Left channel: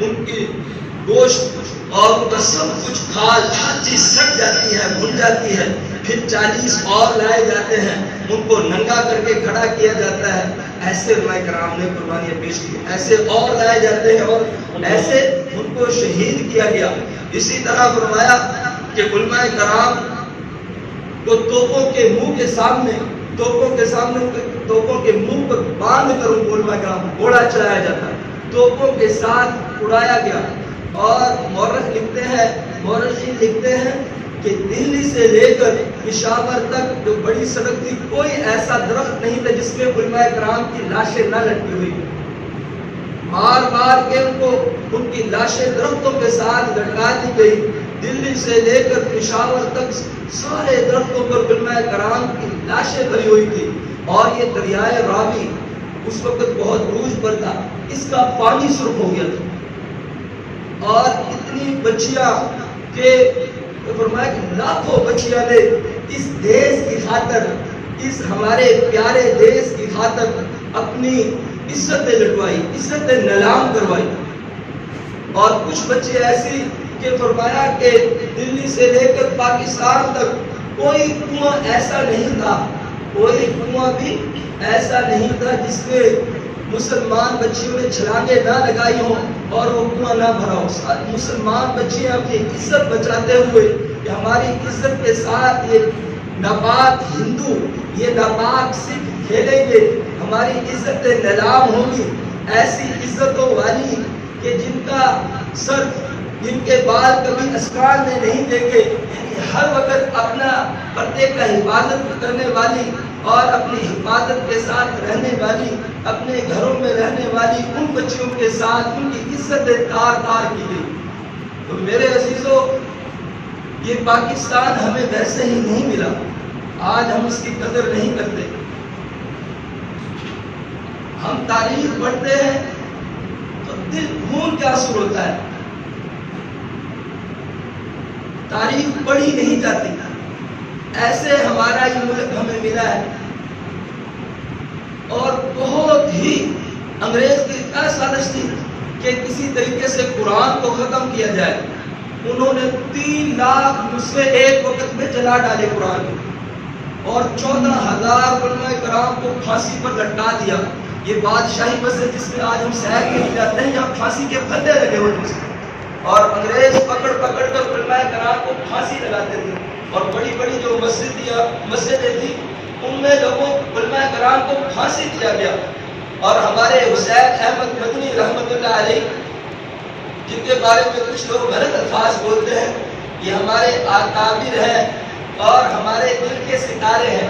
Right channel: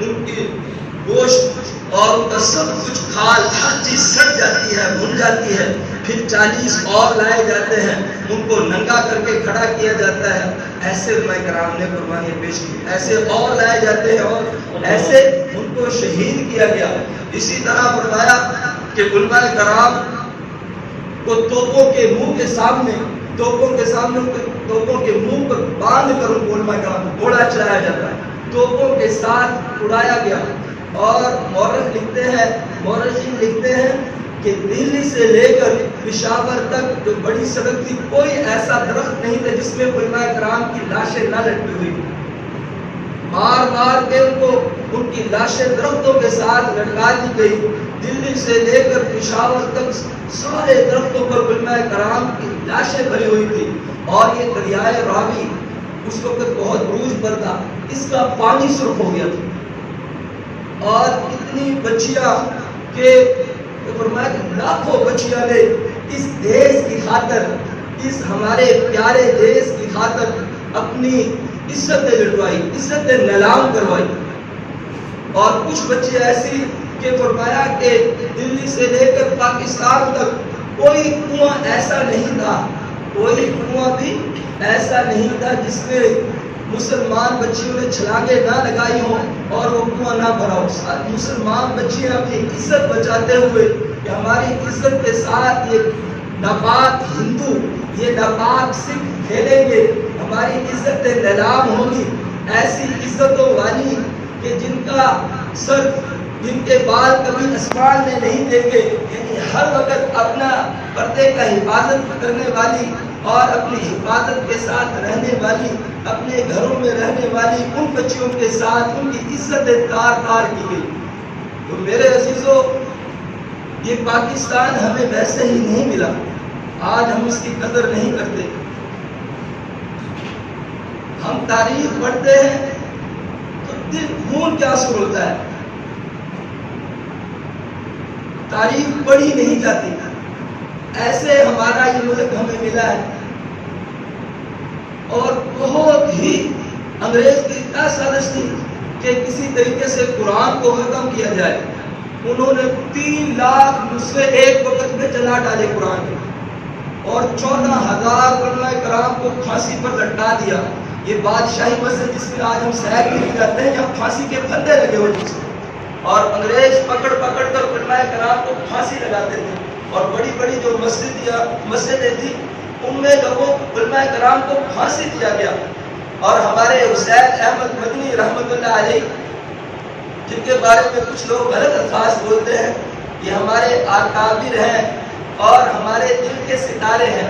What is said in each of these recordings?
ان کی گوشت اور ان کا سب کچھ کھال ہر چیز سڑ جاتی ہے، بھن جاتی ہے. پھر 40 اور لائے جاتے ہیں، ان کو ننگا کر کے کھڑا کیا جاتا ہے. ایسے علماء کرام نے قربانیاں پیش کی. ایسے اور لائے جاتے ہیں اور ایسے ان کو شہید کیا گیا. اسی طرح فرمایا کہ علماء کرام کو توپوں کے منہ کے سامنے توپوں کے منہ پر باندھ کر ان کو علماء کرام کو گھوڑا چلایا جاتا ہے، توپوں کے ساتھ اڑایا گیا. اور مورخین لکھتے ہیں کہ دہلی سے لے کر پشاور تک جو بڑی سڑک تھی، کوئی ایسا درخت نہیں تھا جس میں علماء کرام کی لاشیں نہ لٹکی ہوئی. مار مار کے ان کی لاشیں درختوں کے ساتھ لٹکا دی گئی. دلی سے لے کر پشاور تک سارے درختوں پر علماء کرام کی لاشیں بھری ہوئی تھی. اور یہ دریائے راوی اس وقت بہت عروج پر تھا، اس کا پانی سرخ ہو گیا تھا. اور اتنی بچیاں کہ فرمایا کہ لاکھوں بچیاں نے اس دیش کی خاطر، اس ہمارے پیارے دیش کی خاطر اپنی عزتیں لٹوائی، عزتیں نیلام کروائی. اور کچھ بچے ایسی کہ فرمایا کہ دلی سے لے کر پاکستان تک کوئی کنواں ایسا نہیں تھا، کوئی کنواں بھی ایسا نہیں تھا جس میں مسلمان بچیوں نے چھلانگیں نہ لگائی ہوں اور وہ کنواں نہ بھرا ہو. مسلمان بچے اپنی عزت بچاتے ہوئے کہ ہماری عزت کے ساتھ یہ ناپاک ہندو، یہ ناپاک سکھ کھیلیں گے، ہماری عزتیں نیلام ہوگی. ایسی عزتوں والی کہ جن کا سر، جن کے بال کبھی آسمان میں نہیں دیکھے، یعنی ہر وقت اپنا پردے کا حفاظت کرنے والی اور اپنی حفاظت کے ساتھ رہنے والی، اپنے گھروں میں رہنے والی ان بچیوں کے ساتھ ان کی عزتیں تار تار کی گئی. تو میرے عزیزو، یہ پاکستان ہمیں ویسے ہی نہیں ملا. آج ہم اس کی قدر نہیں کرتے. ہم تاریخ پڑھتے ہیں تو دل خون کے آنسو ہوتا ہے. تاریخ پڑھی نہیں جاتی. ایسے ہمارا یہ ملک ہمیں ملا ہے. اور بہت ہی انگریز کی کیا سازش تھی کہ کسی طریقے سے قرآن کو ختم کیا جائے. انہوں نے 3 لاکھ نسخے ایک وقت میں جلا ڈالے قرآن کے، اور 14,000 علماء کرام کو پھانسی پر لٹکا دیا. یہ بادشاہی مسجد جس میں آج ہم سیر کے لیے جاتے ہیں، یہاں پھانسی کے پھندے لگے ہوتے تھے اور انگریز پکڑ کر علماء کرام کو پھانسی لگاتے تھے. اور بڑی بڑی جو مسجدیں تھیں ان میں لوگوں علماء کرام کو پھانسی دیا گیا. اور ہمارے حسین احمد مدنی رحمت اللہ علیہ، جن کے بارے میں کچھ لوگ غلط الفاظ بولتے ہیں، یہ ہمارے اکابر ہیں اور ہمارے دل کے ستارے ہیں.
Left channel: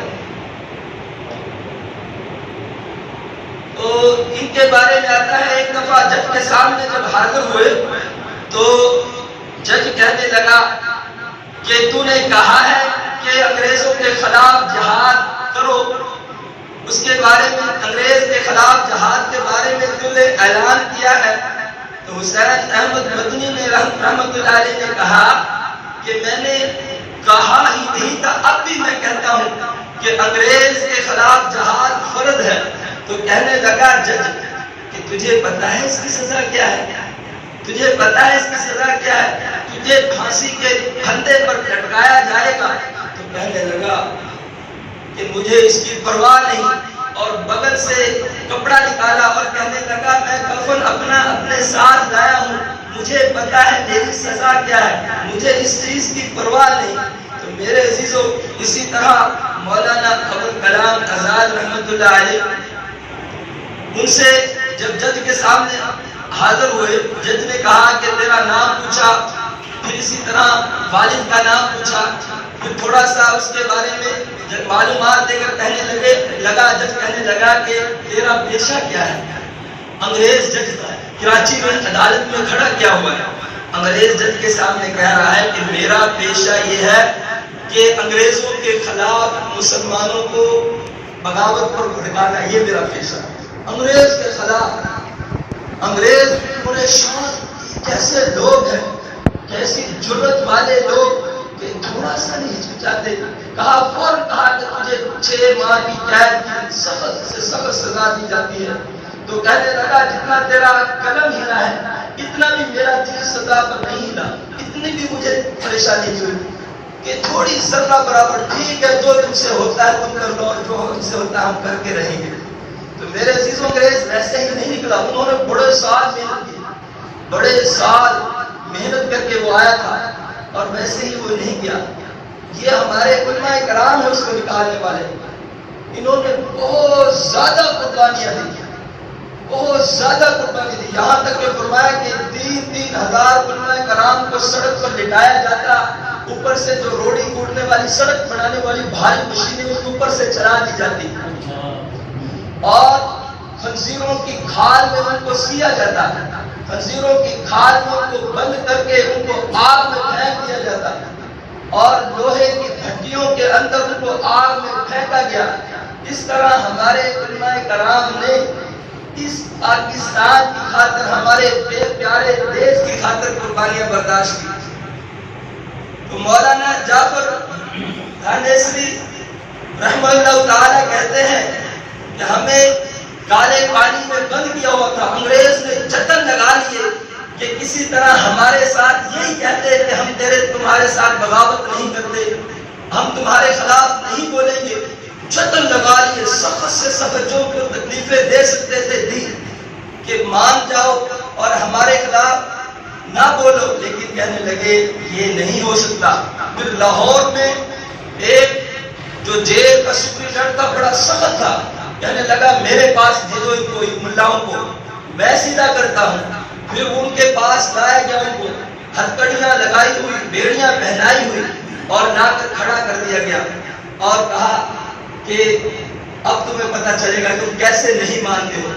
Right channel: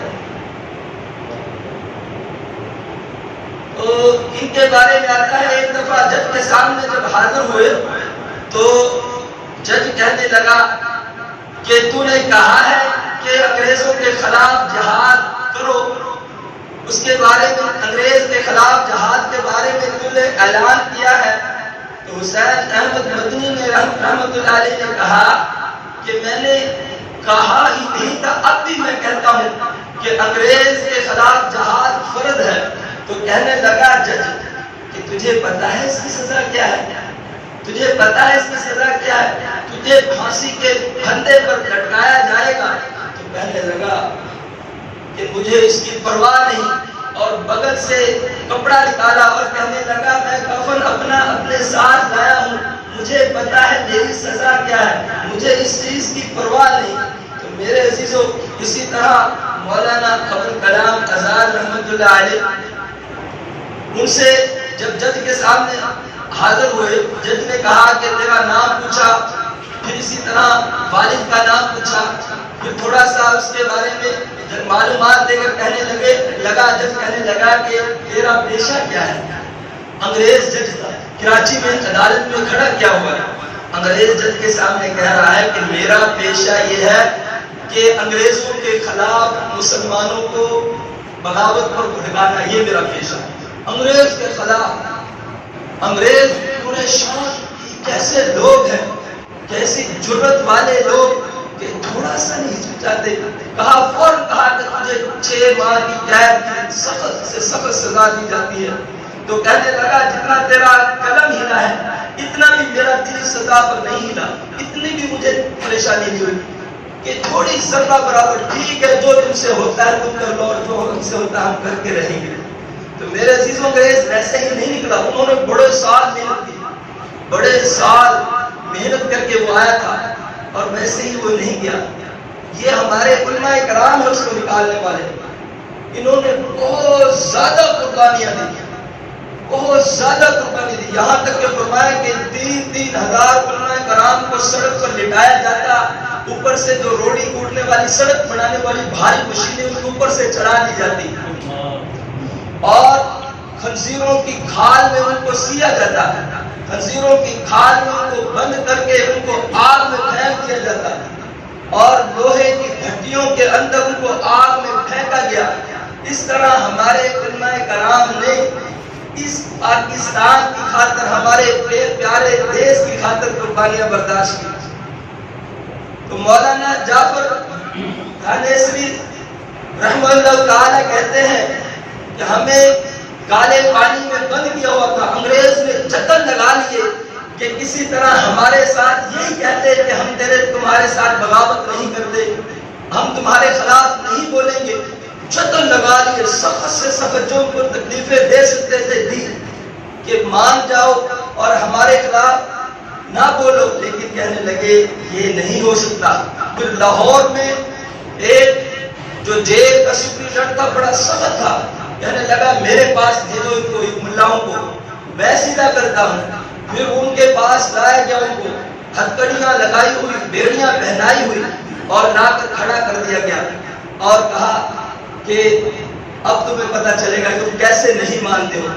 تو ان کے بارے میں آتا ہے، ایک دفعہ جج کے سامنے جب حاضر ہوئے تو جج کہنے لگا کہ تو نے کہا ہے کہ انگریزوں کے خلاف جہاد کرو، اس کے بارے میں، انگریز کے خلاف جہاد کے بارے میں تو نے اعلان کیا ہے. تو حسین احمد مدنی نے رحمت اللہ علیہ نے کہا کہ میں نے کہا ہی نہیں تھا، اب بھی میں کہتا ہوں کہ انگریز کے خلاف جہاد فرض ہے. تو کہنے لگا جج کہ تجھے پتا ہے اس کی سزا کیا ہے؟ تجھے پتا ہے اس کی سزا کیا ہے؟ تجھے پھانسی کے پھندے پر لٹکایا جائے گا. تو کہنے لگا کہ مجھے اس کی پرواہ نہیں، اور بغل سے کپڑا نکالا اور کہنے لگا میں کفن اپنے ساتھ لایا ہوں، مجھے پتا ہے میری سزا کیا ہے، مجھے اس چیز کی پرواہ نہیں. تو میرے عزیزو، اسی طرح مولانا ابوالکلام آزاد رحمت اللہ علیہ، ان سے جب جج کے سامنے حاضر ہوئے، جج نے کہا کہ تیرا نام پوچھا، پھر اسی طرح والد کا نام پوچھا، پھر تھوڑا سا اس کے بارے میں جب معلومات دے کر کہنے لگا کہ تیرا پیشہ کیا ہے. انگریز جج کراچی میں عدالت میں کھڑا کیا ہوا ہے. انگریز جج کے سامنے کہہ رہا ہے کہ میرا پیشہ یہ ہے کہ انگریزوں کے خلاف مسلمانوں کو بغاوت پر بھڑکانا، یہ میرا پیشہ. انگریز کے خلاف، انگریز پورے شان کیسے لوگ ہیں، کیسی جرت والے لوگ کہ تھوڑا سا نہیں ہچکچاتے. کہا فوراً کہا کہ تجھے 6 ماہ کی قید، سخت سے سخت سزا دی جاتی ہے. تو کہنے لگا جتنا تیرا قلم ہلا ہے اتنا بھی میرا دل سزا پر نہیں ہلا، اتنی بھی مجھے پریشانی نہیں ہوئی کہ تھوڑی ذرہ برابر ٹھیک ہے، جو تم سے ہوتا ہے تم کر لو اور جو ہم سے ہوتا ہے ہم کر کے رہیں گے۔ تو میرے عزیزوں انگریز ویسے ہی نہیں نکلا، انہوں نے بڑے سال محنت کی، بڑے سال محنت کر کے وہ آیا تھا اور ویسے ہی وہ نہیں گیا۔ یہ ہمارے علماء کرام ہیں اس کو نکالنے والے، انہوں نے بہت زیادہ قربانیاں دی، بہت زیادہ قربانی دی، یہاں تک کہ فرمایا کہ 3,000 علماء کرام کو سڑک پر لٹایا جاتا، اوپر سے جو روڑی کوٹنے والی سڑک بنانے والی بھاری مشینیں اس اوپر سے چلا دی جاتی اور خنزیروں کی کھال میں ان کو سیا جاتا ہے، خنزیروں کی کھال میں ان کو بند کر کے ان کو آگ میں پھینک دیا جاتا ہے اور لوہے کی بھٹیوں کے اندر ان کو آگ میں پھینکا گیا۔ اس طرح ہمارے علماء کرام نے اس پاکستان کی خاطر، ہمارے پیارے دیش کی خاطر قربانیاں برداشت کی۔ تو مولانا جعفر دھانیسری رحمہ اللہ تعالی کہتے ہیں کہ ہمیں کالے پانی میں بند کیا ہوا تھا، انگریز نے جتن لگا لیے کہ کسی طرح ہمارے ساتھ یہی کہتے کہ ہم تمہارے ساتھ بغاوت نہیں کرتے، ہم تمہارے خلاف نہیں بولیں گے، جتن لگا لیے، سخت سے سخت جو کو تکلیفیں دے سکتے تھے دی کہ مان جاؤ اور ہمارے خلاف نہ بولو، لیکن کہنے لگے یہ نہیں ہو سکتا۔ پھر لاہور میں ایک جو جیل کا سپرنٹینڈنٹ تھا بڑا سخت تھا، کہنے لگا میرے پاس بھیجو کوئی ملاؤں کو، میں سیدھا کرتا ہوں۔ پھر ان کے پاس لایا گیا، ان کو ہتھکڑیاں لگائی ہوئی، بیڑیاں پہنائی ہوئی اور لا کر کھڑا کر دیا گیا اور کہا کہ اب تمہیں پتہ چلے گا کہ تم کیسے نہیں مانتے ہو۔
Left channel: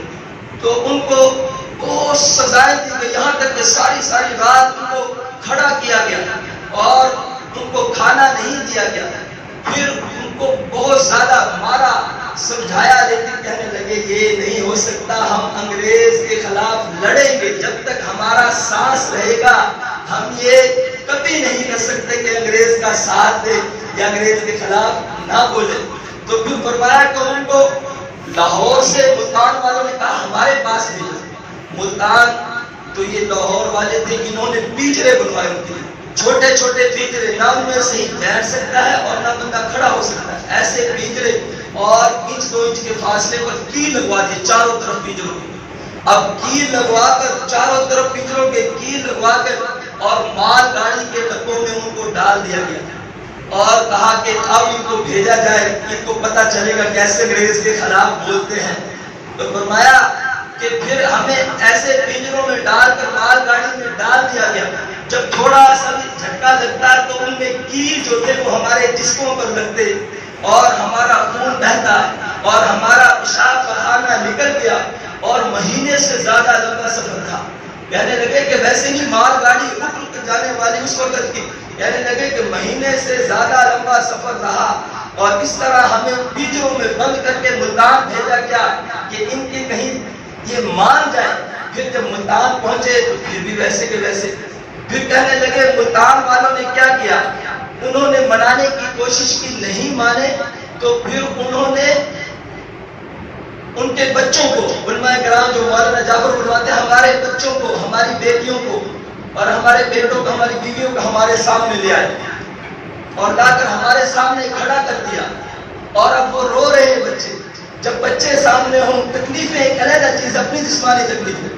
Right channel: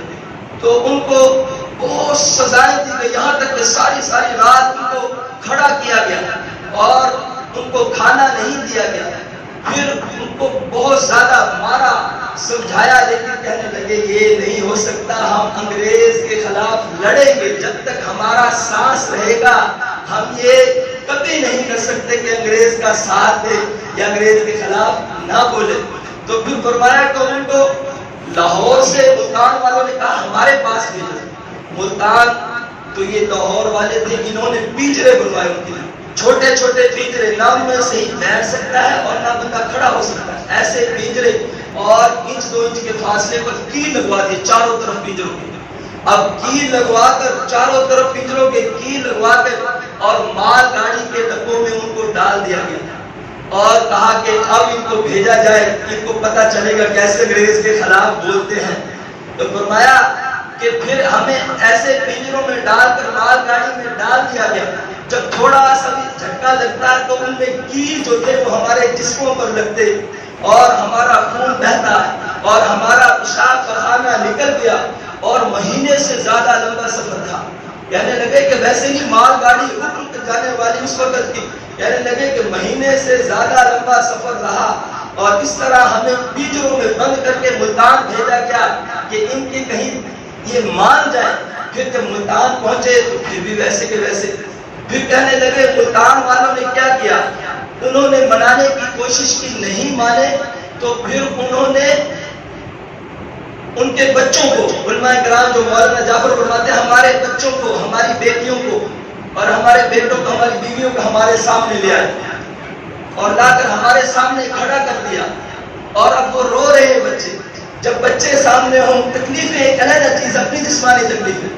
تو ان کو بہت سزائیں دی گئی، یہاں تک کہ ساری رات ان کو کھڑا کیا گیا اور ان کو کھانا نہیں دیا گیا۔ پھر ان کو بہت زیادہ مارا، سمجھایا، لیکن کہنے لگے یہ نہیں ہو سکتا، ہم انگریز کے خلاف لڑیں گے، جب تک ہمارا سانس رہے گا ہم یہ کبھی نہیں کر سکتے کہ انگریز کا ساتھ دے یا انگریز کے خلاف نہ بولے۔ تو پھر فرمایا کہ ان کو لاہور سے ملتان والوں نے کہا ہمارے پاس بھیجو۔ ملتان تو یہ لاہور والے تھے، انہوں نے پنجرے بنوائے ان کے لیے، چھوٹے چھوٹے پنجرے، نہ میں صحیح بیٹھ سکتا ہے اور نہ بندہ کھڑا ہو سکتا ہے، ایسے پنجرے، اور 1-2 انچ کے فاصلے پر کیل لگوا دی چاروں طرف پنجروں کی۔ اب کیل لگوا کر چاروں طرف پنجروں کے کیل لگوا کر اور مال گاڑی کے ڈبوں میں ان کو ڈال دیا گیا اور کہا کہ اب ان کو بھیجا جائے، ان کو پتہ چلے گا کیسے انگریز کے خلاف بولتے ہیں۔ تو فرمایا کہ پھر ہمیں ایسے پنجروں میں ڈال کر مال گاڑی میں ڈال دیا گیا، جب تھوڑا سا بھی جھٹکا لگتا تو ان میں کیل جو تھے وہ ہمارے جسموں پر لگتے اور ہمارا خون بہتا اور ہمارا پیشاب پخانہ نکل گیا اور مہینے سے زیادہ لمبا سفر تھا۔ کہنے لگے کہ ویسے ہی مال گاڑی رک رک جانے والی اس وقت کی، کہنے لگے کہ مہینے سے زیادہ لمبا سفر رہا اور اس طرح ہمیں پنجروں میں بند کر کے ملتان بھیجا گیا کہ ان کی کہیں یہ مان جائے۔ پھر جب ملتان پہنچے تو پھر بھی ویسے کے ویسے، پھر کہنے لگے ملتان والوں نے کیا کیا، انہوں نے منانے کی کوشش کی، نہیں مانے، تو پھر انہوں نے ان کے بچوں کو، علماء کرام جو مولانا جعفر فرماتے ہیں ہمارے بچوں کو، ہماری بیٹیوں کو اور ہمارے بیٹوں کو، ہماری بیویوں کو ہمارے سامنے لے آئے اور لا کر ہمارے سامنے کھڑا کر دیا اور اب وہ رو رہے ہیں بچے۔ جب بچے سامنے ہوں، تکلیفیں ایک علیحدہ چیز، اپنی جسمانی تکلیفیں،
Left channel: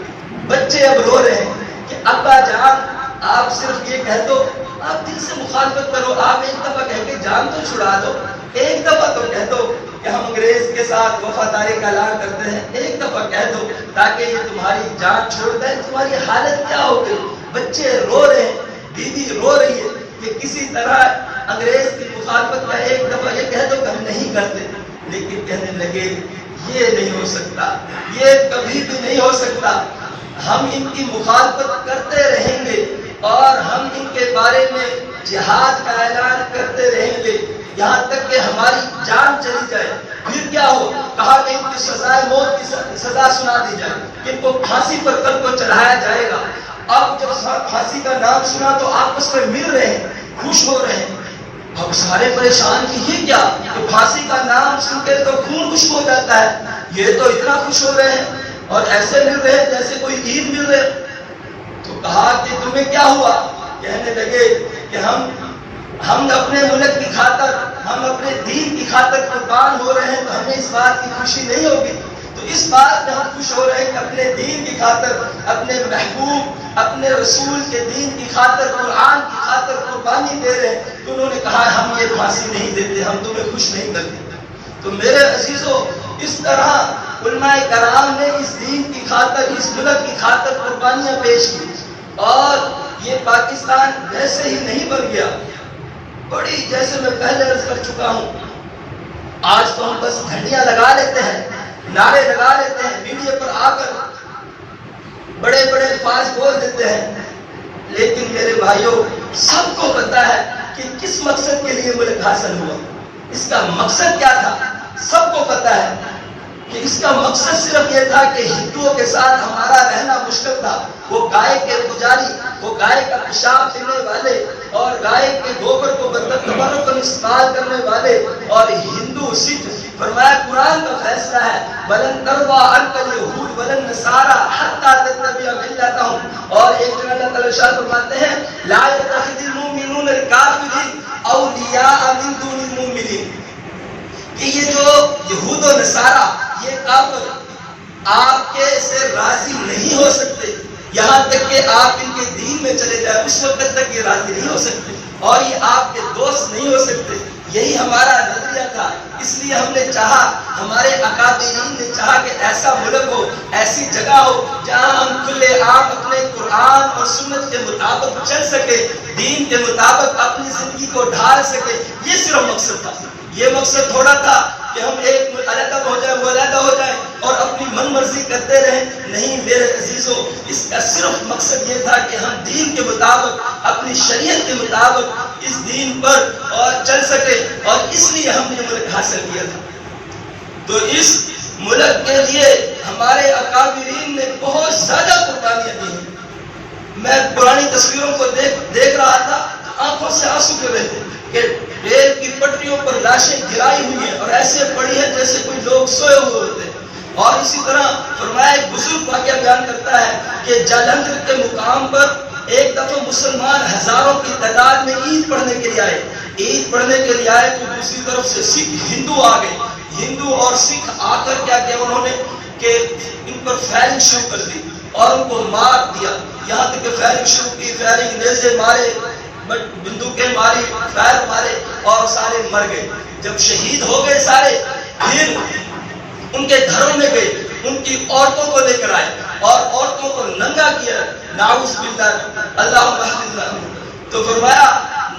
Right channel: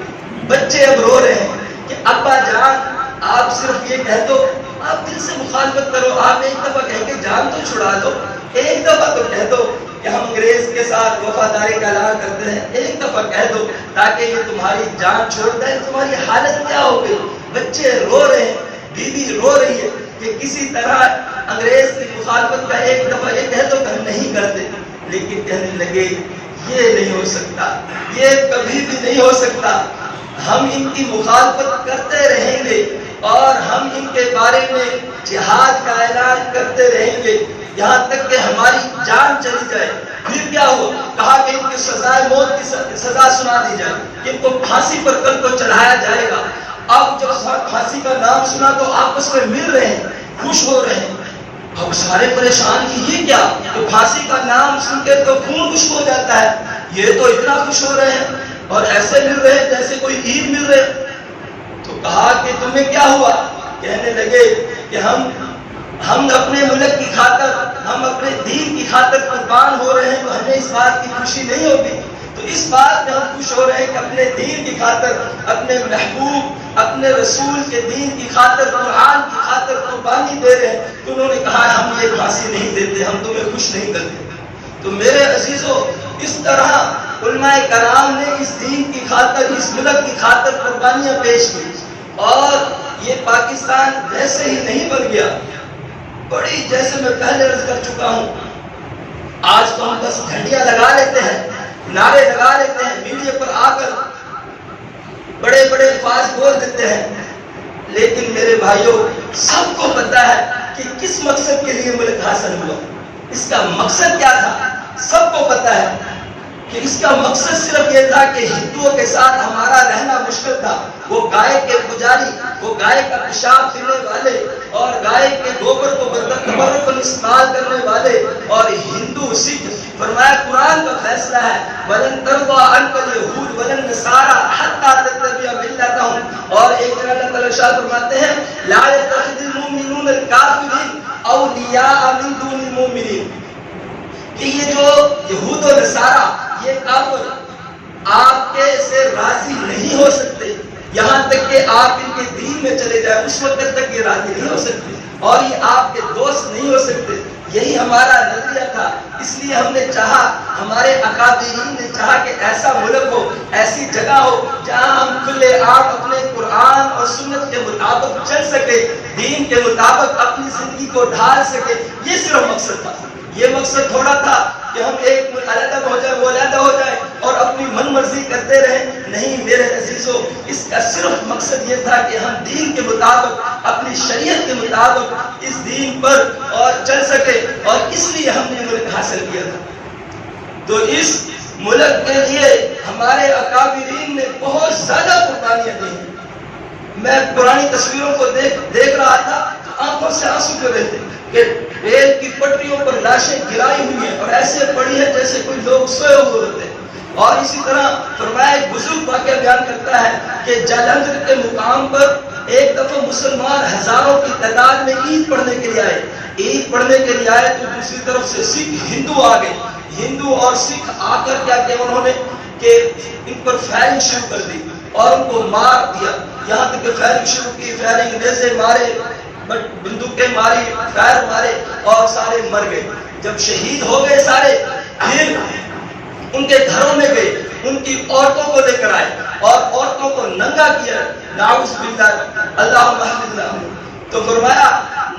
بچے اب رو رہے ہیں کہ ابا جان آپ صرف یہ کہہ دو، آپ دل سے مخالفت کرو، آپ ایک دفعہ کہہ کے جان تو چھڑا دو، ایک دفعہ تو کہہ دو کہ ہم انگریز کے ساتھ وفاداری کا اعلان کرتے ہیں، ایک دفعہ کہہ دو تاکہ یہ تمہاری جان چھوڑ دیں۔ تمہاری حالت کیا ہوگی؟ بچے رو رہے ہیں، بیوی رو رہی ہے کہ کسی طرح انگریز کی مخالفت کا ایک دفعہ یہ کہہ دو کہ ہم نہیں کرتے، لیکن کہنے لگے یہ نہیں ہو سکتا، یہ کبھی بھی نہیں ہو سکتا، ہم ان کی مخالفت کرتے رہیں گے اور ہم ان کے بارے میں جہاد کا اعلان کرتے رہیں گے یہاں تک کہ ہماری جان چلی جائے۔ پھر کیا ہوا؟ کہا کہ ان کی سزائے موت کی سزا سنا دی جائے، کہ ان کو پھانسی پر کل کو چڑھایا جائے گا۔ اب جب پھانسی کا نام سنا تو آپس میں مل رہے ہیں، خوش ہو رہے ہیں۔ اب سارے پریشان کہ یہ کیا، کہ پھانسی کا نام سن کے تو خون خشک ہو جاتا ہے، یہ تو اتنا خوش ہو رہے ہیں اور ایسے مل رہے ہیں جیسے کوئی عید مل رہے۔ تمہیں کیا ہوا؟ کہنے لگے کہ ہم اپنے ملک کی خاطر، ہم اپنے دین کی خاطر قربان ہو رہے ہیں، تو ہمیں اس بات کی خوشی نہیں ہوگی؟ تو اس بات میں ہم خوش ہو رہے ہیں کہ اپنے دین کی خاطر، اپنے محبوب، اپنے رسول کے دین کی خاطر، قرآن کی خاطر قربانی دے رہے ہیں۔ تو انہوں نے کہا ہم یہ پھانسی نہیں دیتے، ہم تمہیں خوش نہیں کرتے۔ تو میرے عزیزو، اس طرح علماء کرام نے اس دین کی خاطر، اس ملک کی خاطر قربانیاں پیش کی، اور یہ پاکستان ویسے ہی نہیں بن گیا۔ بڑی، جیسے میں پہلے عرض کر چکا ہوں، آج تو ہم بس جھنڈیاں لگا لیتے ہیں، نعرے لگا لیتے ہیں، میڈیا پر آ کر بڑے بڑے الفاظ بول دیتے ہیں، لیکن میرے بھائیوں سب کو پتا ہے کہ کس مقصد کے لیے ملک حاصل ہوا، اس کا مقصد کیا تھا، سب کو پتا ہے کہ اس کا مقصد صرف یہ تھا کہ ہندوؤں کے ساتھ ہمارا رہنا مشکل تھا۔ وہ گائے کے پجاری، وہ گائے کا پیشاب پینے والے اور گائے کے گوبر کو تبرک استعمال کرنے والے اور ہندو سکھ، فرمایا قرآن کا فیصلہ ہے وَلَن تَرْضَىٰ عَنْكَ الْيَهُودُ وَلَا النَّصَارَىٰ حَتَّىٰ تَتَّبِعَ مِلَّتَهُمْ۔ اور ایک جگہ اللہ تعالیٰ ارشاد فرماتے ہیں لَا يَتَّخِذِ الْمُؤْمِنُونَ الْكَافِرِينَ أَوْلِيَاءَ مِن دُونِ الْمُؤْمِنِينَ، کہ یہ جو یہود و نصارہ، یہ کافر آپ کے سے راضی نہیں ہو سکتے یہاں تک کہ آپ ان کے دین میں چلے جائیں، اس وقت تک یہ راضی نہیں ہو سکتے، اور یہ آپ کے دوست نہیں ہو سکتے۔ یہی ہمارا نظریہ تھا، اس لیے ہم نے چاہا، ہمارے اکابرین نے چاہا کہ ایسا ملک ہو، ایسی جگہ ہو جہاں ہم کھلے عام اپنے قرآن اور سنت کے مطابق چل سکے، دین کے مطابق اپنی زندگی کو ڈھال سکے۔ یہ صرف مقصد تھا، یہ مقصد تھوڑا تھا کہ ہم ایک علیحدہ ہو جائے، وہ علیحدہ ہو جائے اور اپنی من مرضی کرتے رہیں۔ نہیں میرے عزیزو، اس کا صرف مقصد یہ تھا کہ ہم دین کے مطابق، اپنی شریعت کے مطابق اس دین پر اور چل سکے، اور اس لیے ہم نے ملک حاصل کیا تھا۔ تو اس ملک کے لیے ہمارے اکابرین نے بہت زیادہ قربانیاں دی ہیں۔ میں پرانی تصویروں کو دیکھ رہا تھا، آنکھوں سے آنسو گر رہے تھے کہ ریل کی پٹریوں پر لاشیں گرائی ہوئی ہیں اور ایسے پڑی ہیں جیسے کوئی لوگ سوئے ہوئے ہوتے ہیں۔ اور اسی طرح فرمایا، ایک بزرگ واقعہ بیان کرتا ہے کہ جالندھر کے مقام پر ایک دفعہ مسلمان ہزاروں کی تعداد میں عید پڑھنے کے لیے آئے، عید پڑھنے کے لیے آئے تو دوسری طرف سے سکھ ہندو آ گئے۔ ہندو اور سکھ آ کر کیا کیا انہوں نے کہ ان پر فائرنگ شروع کر دی اور ان کو مار دیا، یہاں تک کہ فائرنگ شروع کی، فائرنگ نیزے مارے، بندوقیں ماری، فائر مارے اور سارے مر گئے۔ جب شہید ہو گئے سارے، پھر ان کے گھروں میں گئے، ان کی عورتوں کو لے کر آئے اور عورتوں کو ننگا کیا، نعوذ باللہ، اللہم احفظنا۔ تو فرمایا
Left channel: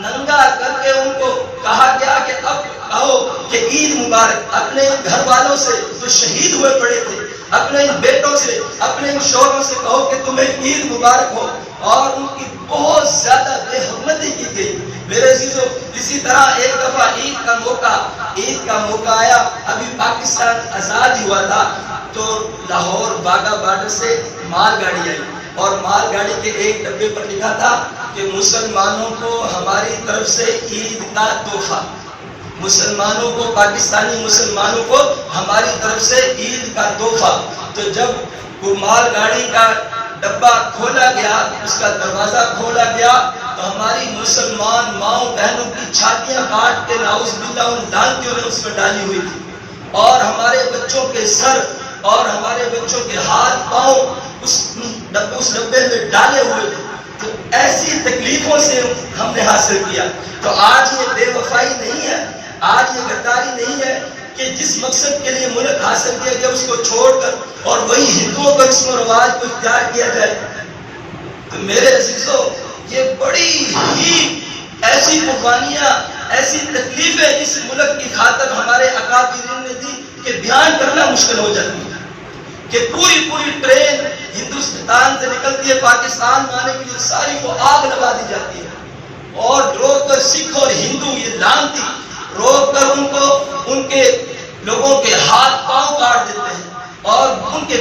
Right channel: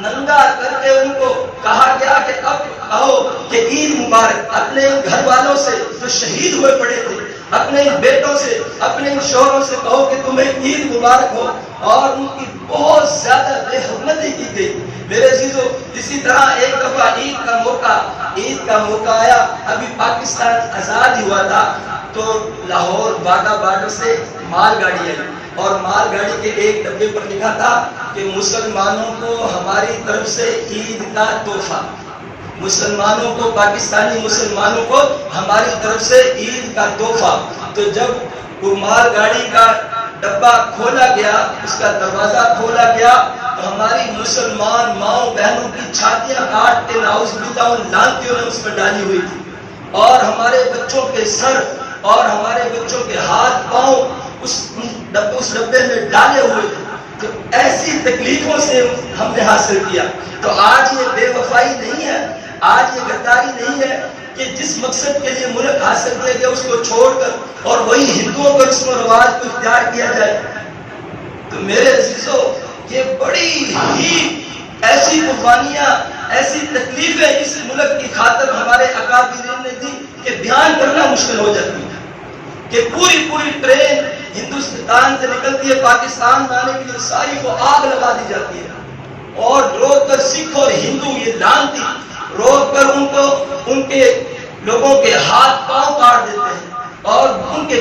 ننگا کر کے ان کو کہا گیا کہ اب کہو کہ عید مبارک، اپنے گھر والوں سے جو شہید ہوئے پڑے تھے، اپنے بیٹوں سے، اپنے شوہروں سے کہو کہ تمہیں عید مبارک ہو، اور ان کی بہت زیادہ بے حرمتی کی گئی۔ میرے عزیزو، اسی طرح ایک دفعہ عید کا موقع آیا، ابھی پاکستان آزاد ہوا تھا، تو لاہور باغا بارڈر سے مال گاڑی آئی اور مال گاڑی کے ایک ڈبے پر لکھا تھا کہ مسلمانوں کو ہماری طرف سے عید کا تحفہ، مسلمانوں کو، پاکستانی مسلمانوں کو ہماری طرف سے عید کا تحفہ۔ تو جب وہ مال گاڑی کا ڈبہ کھولا گیا، اس کا دروازہ کھولا گیا، تو ہماری مسلمان ماؤں بہنوں کی چھاتیاں کاٹ کے نعوذ باللہ ان لانتیوں نے اس میں ڈالی ہوئی تھی، اور ہمارے بچوں کے سر اور ہمارے بچوں کے ہاتھ پاؤں اس ڈبے میں ڈالے ہوئے تھے۔ تو ایسی تکلیفوں سے ہم نے حاصل کیا۔ تو آج یہ بے وفائی نہیں ہے، آج یہ غداری نہیں ہے کہ جس مقصد کے لیے ملک حاصل کیا گیا اس کو چھوڑ کر اور وہی ہندوؤں پر رسم و رواج کو اختیار کیا جائے۔ تو میرے عزیزو، یہ بڑی ہی ایسی قربانیاں، ایسی تکلیفیں اس ملک کی خاطر ہمارے اکابرین نے دی کہ بیان کرنا مشکل ہو جاتی ہے، کہ پوری ٹرین ہندوستان سے نکلتی ہے پاکستان میں آنے کے لیے، ساری کو آگ لگا دی جاتی ہے، اور روک کر سکھ اور ہندو یہ لانتی روک کر ان کو، ان کے لوگوں کے ہاتھ پاؤں کاٹ دیتے ہیں، اور ان کے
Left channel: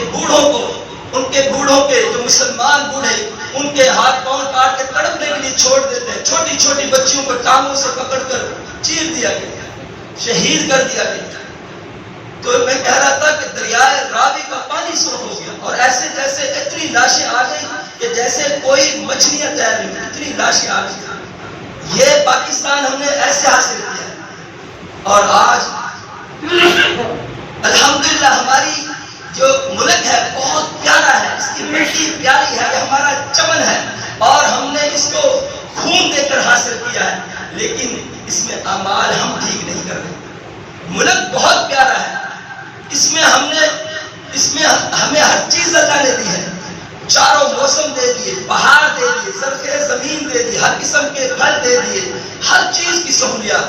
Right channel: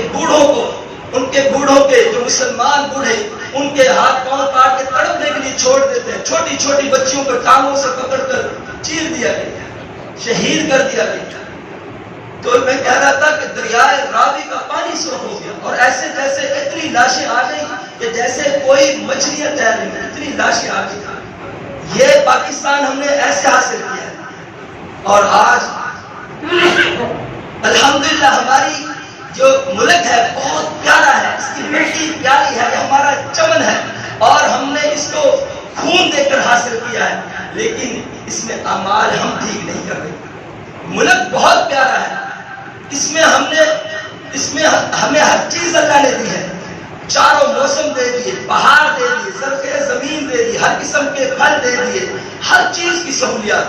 بوڑھوں کے جو مسلمان بوڑھے، ان کے ہاتھ پاؤں کاٹ کے تڑپنے کے لیے چھوڑ دیتے ہیں۔ چھوٹی بچیوں کو ٹانگوں سے پکڑ کر چیر دیا گیا، شہید کر دیا گیا۔ تو میں کہہ رہا تھا کہ دریائے راوی کا پانی سرخ ہو گیا، اور ایسے جیسے اتنی لاشیں آ گئی کہ جیسے کوئی مچھلیاں تیر رہی ہیں، اتنی لاشیں آ گئی. یہ پاکستان ہم نے ایسے حاصل کیا ہے. اور آج الحمدللہ ہماری جو ملک ہے بہت پیارا ہے، اس کی مٹی پیاری ہے، یہ ہمارا چمن ہے اور ہم نے اس کو خون دے کر حاصل کیا ہے، لیکن اس میں اعمال ہم ٹھیک نہیں کر رہے. ملک بہت پیارا ہے، اس میں ہمیں ہر چیز اللہ نے دی ہے. چاروں موسم دے دیے، پہاڑ دے دیے، زرخیز زمین دے دی، ہر قسم کے پھل دے دیے، ہر چیز کی سہولیات،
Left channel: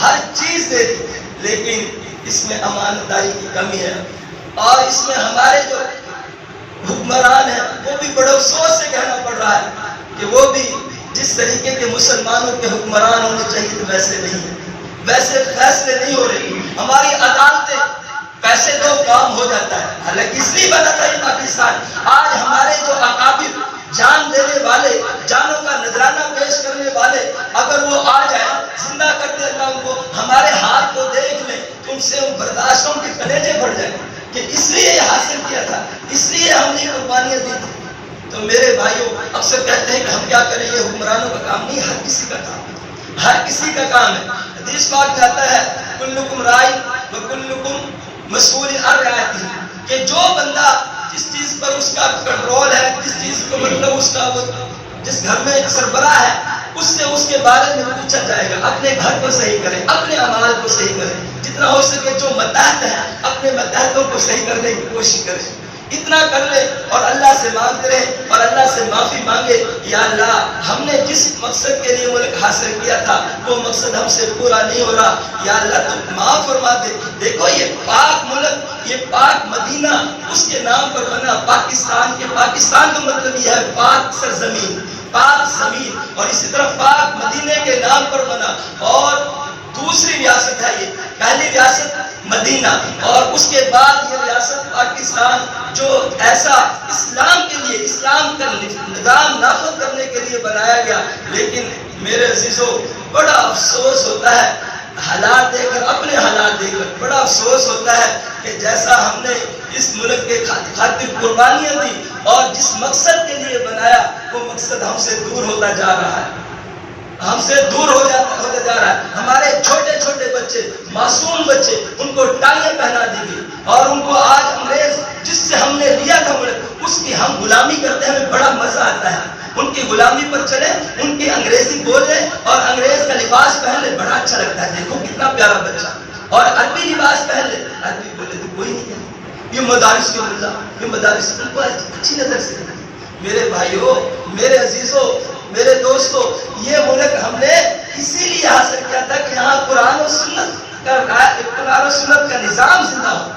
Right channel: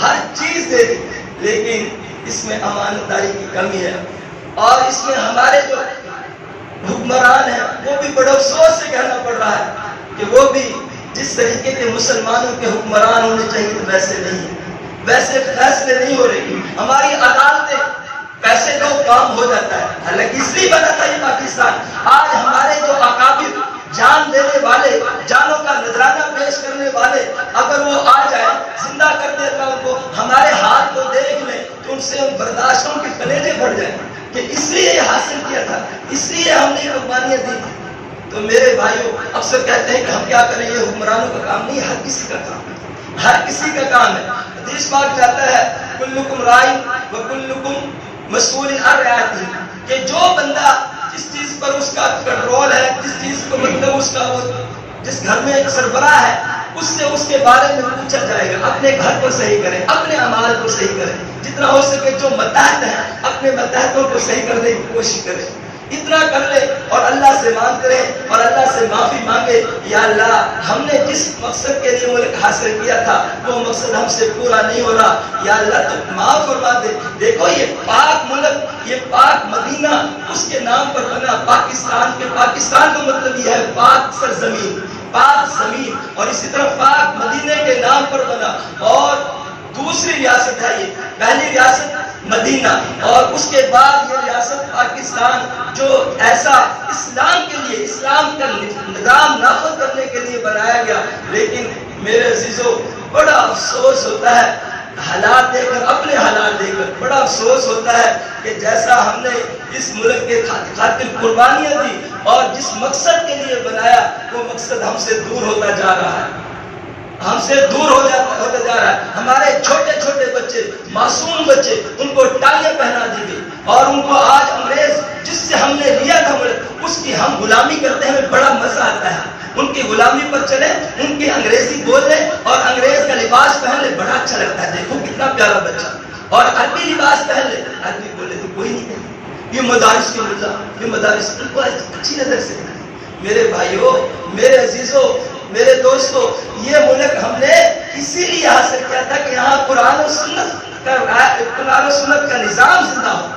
ہر چیز دے دی، لیکن اس میں امانت داری کی کمی ہے. اور اس میں ہمارے جو حکمران ہیں وہ بھی بڑے افسوس سے کہنا پڑ رہا ہے کہ وہ بھی جس طریقے کے مسلمانوں کے حکمران ہونے چاہیے تو ویسے نہیں، ویسے فیصلے نہیں ہو رہے. ہماری عدالتیں پیسے دو کام ہو جاتا ہے، حالانکہ اس لیے بنا تھا یہ پاکستان. آج ہمارے جو اکابر جان دینے والے، جانوں کا نذرانہ پیش کرنے والے، اگر وہ آ جائے زندہ کر دیتا ان کو، ہمارے ہاتھ کو دیکھ لیں تو ان سے برداشتوں کے کلیجے پھٹ جائیں کہ اس لیے یہ حاصل کیا تھا، اس لیے ہم نے قربانیاں دی تھی. تو میرے بھائیوں اکثر کہتے ہیں کہ ہم کیا کریں، یہ حکمرانوں کا کام نہیں، ہر کسی کا کام ہے، ہر کسی کا کام ہے. حدیث پاک جاتا ہے کلکم رائی وکلکم مسئول عن رعیتہ، کہ جو بندہ جس چیز پر اس کا کنٹرول ہے، جس چیز کو مطلب اس کا جس گھر میں ایک سربراہ ہے، اس سے اس کے بارے میں پوچھا جائے گا. اپنے گھر کو صحیح کرے، اپنے اعمال کو صحیح کرے، جتنا ہو سکے جو متحد ہیں اپنے متحدوں کو صحیح کرنے کی کوشش کرے. اتنا کر لے اور اللہ سے مانگ کرے اور اللہ سے معافی مانگے، یا اللہ ہم نے جس مقصد کے لیے ملک حاصل کیا تھا وہ مقصد ہم سے پورا نہیں ہو رہا، یا اللہ تو معاف فرما دے. دیکھو یہ پاک ملک، یہ پاک مدینہ اس کے نام پر بنا، پاکستان کا مطلب یہ ہے پاک سرزمین، پاک زمین، اور اسی طرح پاک مدینے کے نام پر بنا. اور دوسری ریاست ہے، یہ پہلی ریاست مدینہ اور اس کے بعد یہ ریاست پاکستان، جو ایسا اسلام کے لیے، اسلام کا نظام نافذ کرنے کے لیے بنایا گیا. لیکن میرے عزیزوں بڑا افسوس ہوتا ہے حالات دیکھ کر، اپنے حالات دیکھ کر بڑا افسوس ہوتا ہے کہ جیسا ہم نے اس ملک کے خاطر قربانیاں دی اور جس مقصد کے لیے بنایا وہ مقصد ہم سے دور ہوتا جا رہا ہے، ہم سے دور ہوتا جا رہا ہے. ہمارے چھوٹے چھوٹے بچے، معصوم بچے، ان کو ٹائیاں پہنا دی گئی اور ان کو آج انگریز جس سے ہم نے لیا تھا ملک، اس کی ہم غلامی کرتے ہیں، ہمیں بڑا مزہ آتا ہے. ان کی غلامی پر چلے، ان کی انگریزی بول لے اور انگریز کا لباس پہن لے، بڑا اچھا لگتا ہے. دیکھو کتنا پیارا بچہ، اور عربی لباس پہن لے، عربی بولے تو کوئی نہیں کہتا. یہ مدارس کے ملا، یہ مدارس ان کو اچھی نظر سے. میرے بھائیوں، میرے عزیزوں، میرے دوستو، یہ ملک ہم نے اسی لیے حاصل کیا تھا کہ یہاں قرآن و سنت کا نظام زندہ ہو.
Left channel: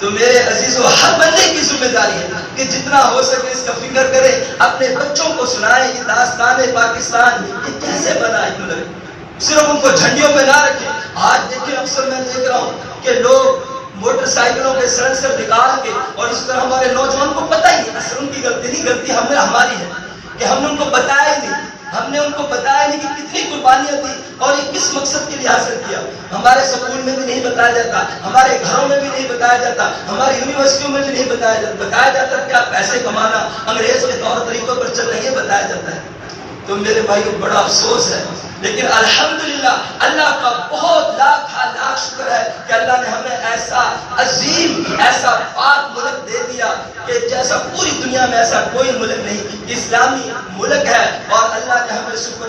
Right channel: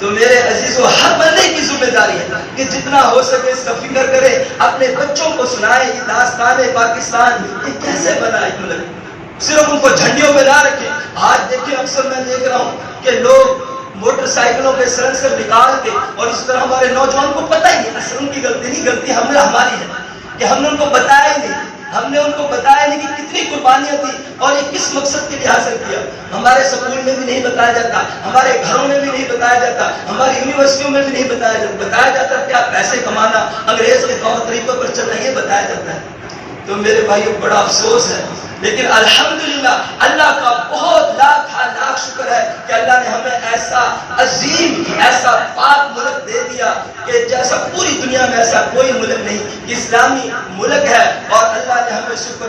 تو میرے عزیزو ہر بندے کی ذمہ داری ہے کہ جتنا ہو سکے اس کا فکر کرے، اپنے بچوں کو سنائے یہ داستان پاکستان یہ کیسے بنا ہے ملک. صرف ان کو جھنڈیوں پہ نہ رکھے. آج دیکھیں اکثر میں دیکھ رہا ہوں کہ لوگ موٹر سائیکلوں کے سلنسر نکال کے، اور اس طرح ہمارے نوجوان کو پتہ ہی نہیں، اصل ان کی غلطی نہیں، غلطی ہماری ہے کہ ہم نے ان کو بتایا ہی نہیں، ہم نے ان کو بتایا نہیں کہ کتنی قربانیاں دی اور یہ کس مقصد کے لیے حاصل کیا. ہمارے سکول میں بھی نہیں بتایا جاتا، ہمارے گھروں میں بھی نہیں بتایا جاتا، ہماری یونیورسٹیوں میں بھی نہیں بتایا جاتا کیا پیسے کمانا انگریز کے طور طریقوں پر چل رہی ہے، بتایا جاتا ہے. تو میرے بھائیوں بڑا افسوس ہے، لیکن الحمدللہ اللہ کا بہت لاکھ شکر ہے کہ اللہ نے ہمیں ایسا عظیم، ایسا پاک ملک دے دیا کہ جیسا پوری دنیا میں ایسا کوئی ملک نہیں. اسلامی ملک ہے اور اللہ نے ہمیں سپر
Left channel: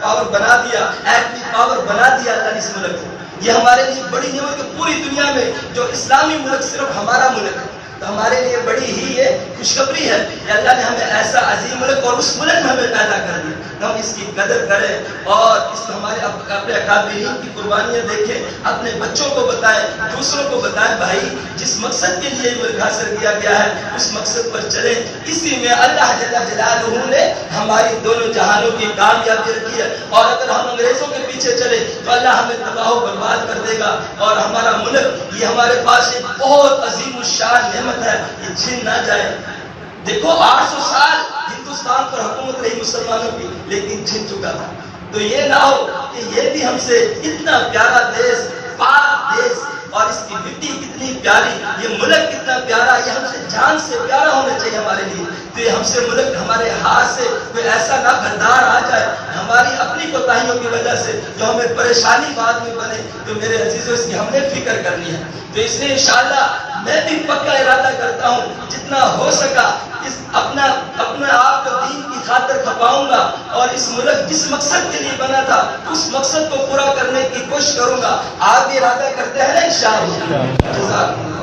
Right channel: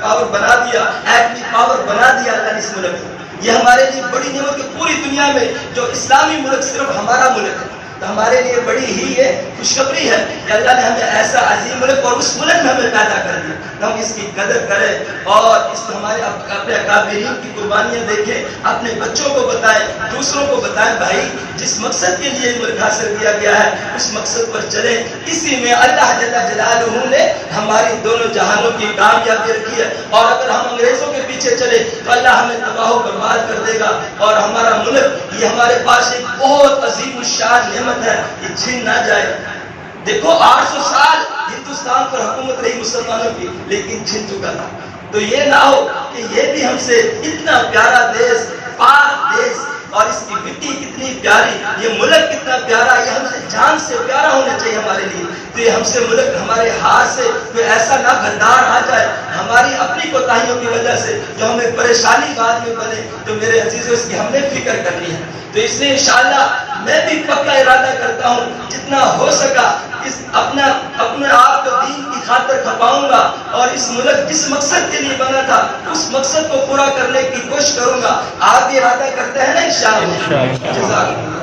پاور بنا دیا، ایٹمی پاور بنا دیا اللہ نے اس ملک کو. یہ ہمارے لیے بڑی نعمت کہ پوری دنیا میں جو اسلامی ملک صرف ہمارا ملک ہے. تو ہمارے لیے بڑی ہی یہ خوشخبری ہے کہ اللہ نے ہمیں ایسا عظیم ملک اور اس ملک میں ہمیں پیدا کر دیا. ہم اس کی قدر کریں اور اس ہمارے اپنے اکابرین کی قربانیاں دیکھیں، اپنے بچوں کو بتائیں، دوسروں کو بتائیں بھائی جس مقصد کے لیے ملک حاصل کیا گیا ہے اس مقصد پر چلیں. اسی میں اللہ جل جلالہ نے ہماری دونوں جہانوں کی کامیابی رکھی ہے. اور اگر ہم انگریزوں کے پیچھے چلے تو اللہ ہمیں تباہ و برباد کر دے گا. اور ہمارا ملک یہ ہمارے پاس ایک بہت عظیم الشان نعمت ہے، یہ چھین نہ جائے. دیکھو 800 سال ہندوستان پر حکومت رہی مسلمانوں کی، لیکن چھن چکا تھا. تو یہ نہ ہو کہ یہ بھی ہم سے اتنا پیارا دیش، پاک دیش، اور اس کی مٹی کتنی پیاری، یہ ملک کتنا پیارا، یہ ہم سے جان سے پیارا ہونا چاہیے ہمارے لیے. تو یہ ہم سے ملک ہمارے ہاتھ سے کوئی ایسا نہ غدار آ جائے ہماری اپنی کوتاہیوں کی وجہ سے جو ہمیں پریشانی بعد میں بنے. تو میرے عزیزوں اس کی ہم نے فکر کرنی ہے. تو اس لیے انشاءاللہ میں بھی پکا ارادہ کرتا ہوں جتنا ہو سکا اپنے آپ کو دین کی خاطر کھپاؤں گا، اور اس ملک جس مقصد کے لیے بنا تھا اس مقصد کو پورا کرنے کی کوشش کروں گا. آپ بھی ارادہ کرتے ہیں نا انشاءاللہ. جزاک اللہ.